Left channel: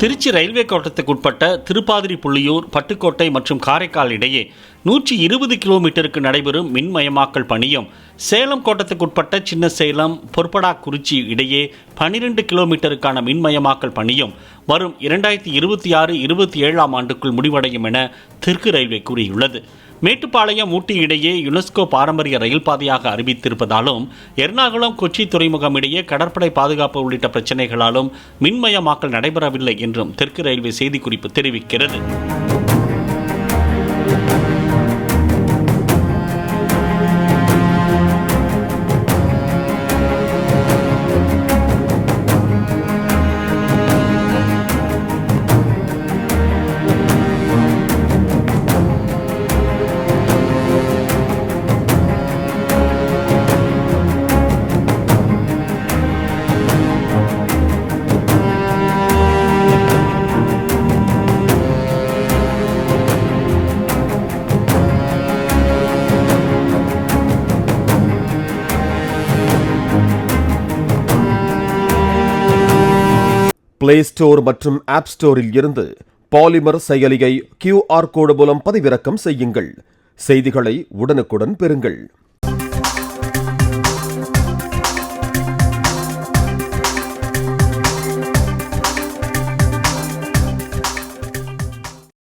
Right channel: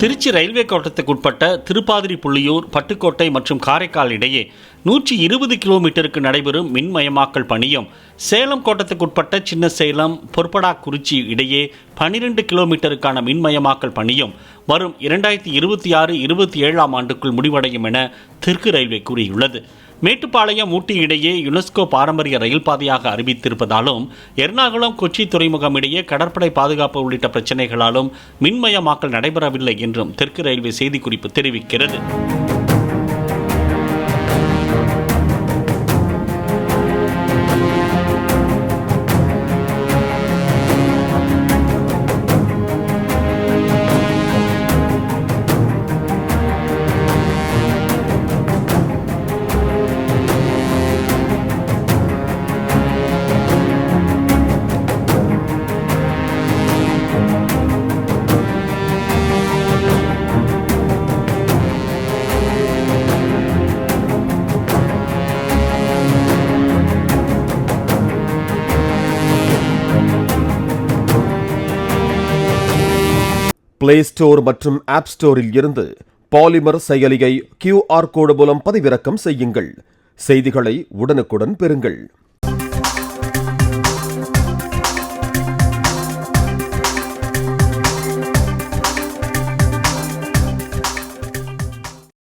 Trichy railway கோட்டத்துக்குட்பட்ட Thiruppathiri புள்ளியூர், Pattukkottai மற்றும் காரைக்கால் இடையே 120 கிலோமீட்டருக்கு நடைபெறும் மின்மயமாக்கல் பணியும், சேலம் கோட்டத்துக்குட்பட்ட சின்ன சேலம், பொற்படாக்குறிச்சி இடையே 12 கிலோமீட்டருக்கான மின்மயமாக்கல் பணியும் வரும் 2026-27 ஆண்டுக்குள் முடிவடையும் என தெற்கு ரயில்வே கூறியுள்ளது. மேட்டுப்பாளையம் ஊட்டி இடையே யுனெஸ்கோ பாரம்பரிய ரயில் பாதையாக அறிவித்திருப்பதாலும், எர்ணாகுளம் கொச்சி துறைமுகம் இடையே கடற்படை பாதுகாப்பு உள்ளிட்ட பிரச்சினைகளாலும் மின்மயமாக்கல் நடைபெறவில்லை என்றும் தெற்கு ரயில்வே செய்திக்குறிப்பு தெரிவிக்கிறது. பிளே ஸ்டோர் மற்றும் ஆப் ஸ்டோரில் இருந்து பாலிமர் செயலியை QR கோடு மூலம் பதிவிறக்கம் செய்யுங்கள். செய்திகளை உடனுக்குடன் பெறுங்கள்.